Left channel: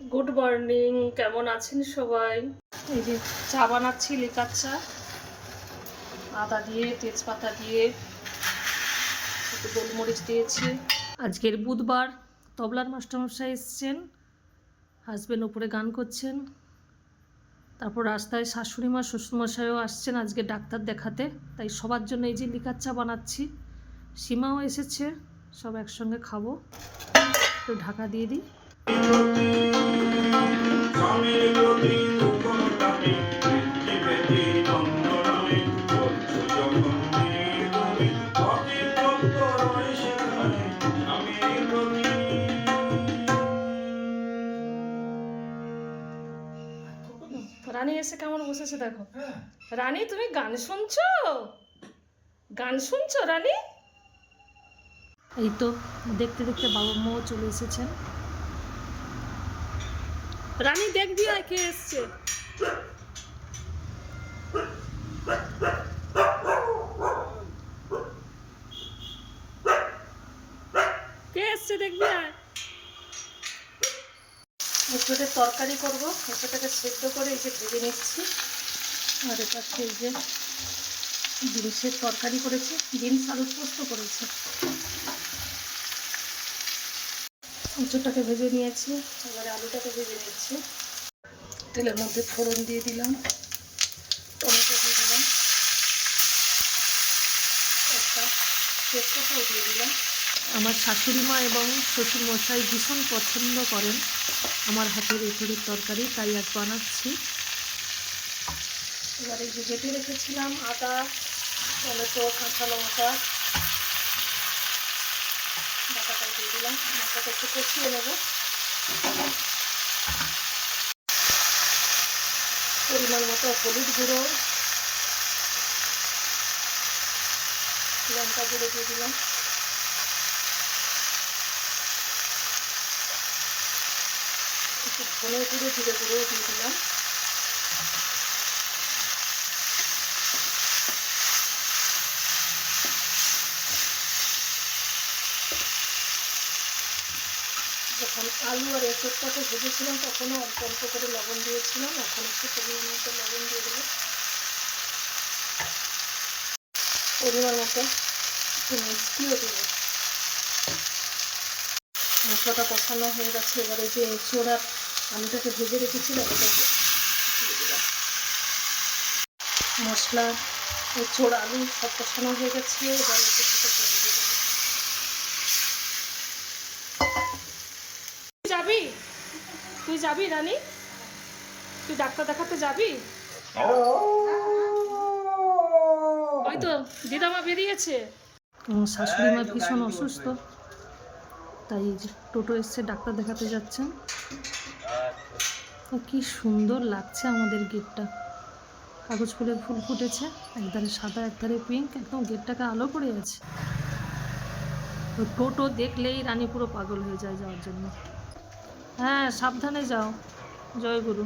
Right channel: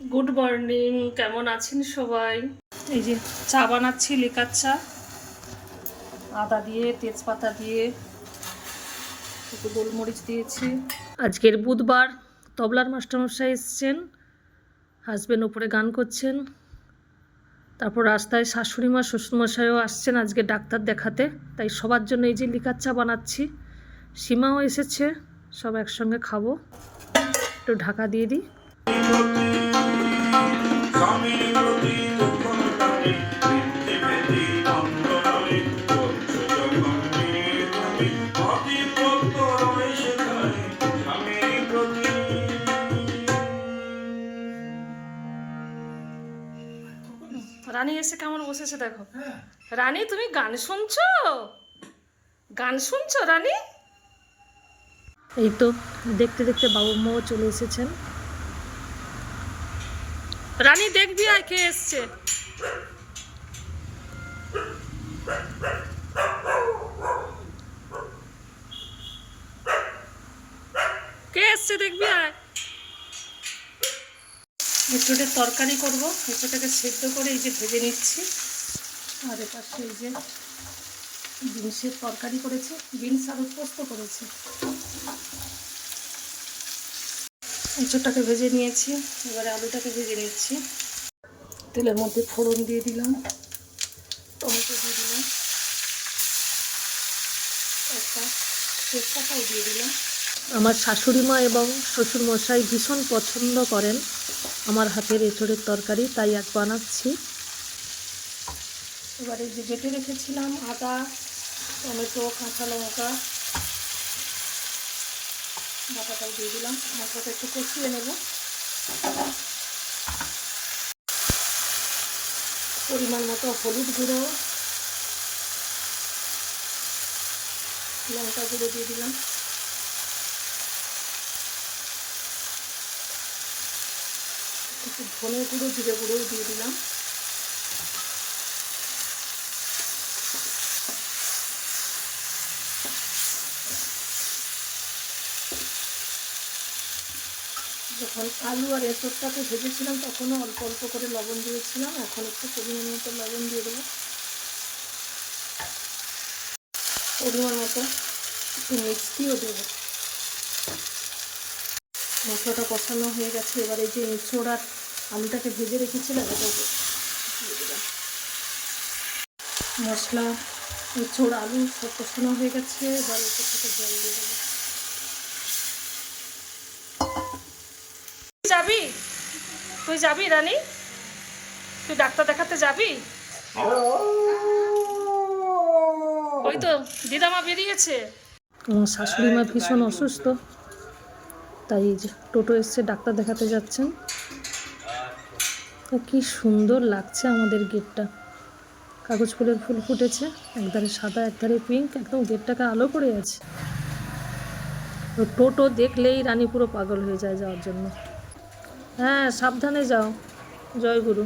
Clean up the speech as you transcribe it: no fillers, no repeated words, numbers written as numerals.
Good morning, কেমন আছেন সবাই? এই যে চা বানাচ্ছি, লিকার চা, আদা দিয়ে, তেজপাতা দিয়ে, একটু গোলমরিচ দিয়েছি। আজকের বুধবার, তবলার মাস্টারমশাই এসছেন, হাজবেন্ড ওপরে গান করছেন। তারপর রাস্তায় শাশুড়ি মা, শ্বশুরমশাইও আসছেন আজকে ডাক্তার দেখাতে, তাই সবার জন্য এই যে লিকার চা বানাচ্ছি। সীমাও এসেছে, সব একসঙ্গে খাবো। একটু ঢাকা দিয়ে দিই। রানী এসে কেমন বসেছে দেখো। রানী, তুমি গান শুনছো? গান শুনছো রানী? এই তো দেখতে দেখতে বাবু মাও চলে এসেছেন। রানী দেখবি আয় কে এসছে। কে এসছে দেখবি আয়। এঁচোড়ের তরকারি করবো, এঁচোড়টাকে সেদ্ধ করে এই যে ভেজে নিচ্ছি। আর এপাশে এই যে বিনসের তরকারি করেছি, বিনস আলু পোস্ত করেছি। এঁচোড়টাকে ভেজে নিয়েছি, এবারে আলুটাকে ভেজে নিচ্ছি। তেলের মধ্যে ফোড়ন দিয়ে দিলাম, টমেটো দিয়ে দিলাম, একটা তেজপাতাও দিয়ে দিলাম। আমার শাশুড়ি মা এবং শ্বশুরমশাই ভীষণ পছন্দ করেন আমার হাতের এঁচোড়ের তরকারি, তাই এক বানাচ্ছি। এবার এই যে বেটে রেখেছিলাম আদা, টমেটো, কাঁচা লঙ্কা, বাটাটাই দিয়ে দিলাম। মশলাটা একটু কষিয়ে নেব। পরিমাণ মতো হলুদ গুঁড়ো, লঙ্কা গুঁড়ো দিয়ে দিলাম, একটু ধনে গুঁড়ো, জিরে গুঁড়োও দিয়ে দিলাম। যখন আলু আর এঁচোড়টাকে ভেজেছিলাম তখনও অল্প অল্প করে লবণ দিয়েছিলাম, এখন একটু পরিমাণ মতো লবণ দিয়ে দেবো। পরিমাণ মতো একটু মিষ্টিও দেবো। মশলাটা কষানো হয়ে গেছে, এবারে যে এঁচোড় আর আলুটাকে ভেজে রেখেছিলাম এটাকে দিয়ে দিলাম। মশলা, এঁচোড়, আলু সব কষানো হয়ে গেছে, এবার এতে থেকে জল দিয়ে দেবো। যাবি? তুই যাবি রানী? তুই ডাক্তার দেখাতে যাবি? ওই তো দিদামা বেরিয়েছে। আমার শাশুড়ি মা ভীষণ অসুস্থ, তাই টোটো এসছে, ডাক্তার দেখাতে যাচ্ছেন। কি সুন্দর লাগছে আমাদের গেটটা, কাগজ ফুলের ফুল ফুটেছে, একধারে সাদা একধারে পিঙ্ক, একদম গেটটাকে আলো করে আছে। টোটো দেখলেই রানী পুরো পাগল হয়ে যায় যাওয়ার জন্য। হ্যাঁ, সাবধানে যাও। জয় গুরু।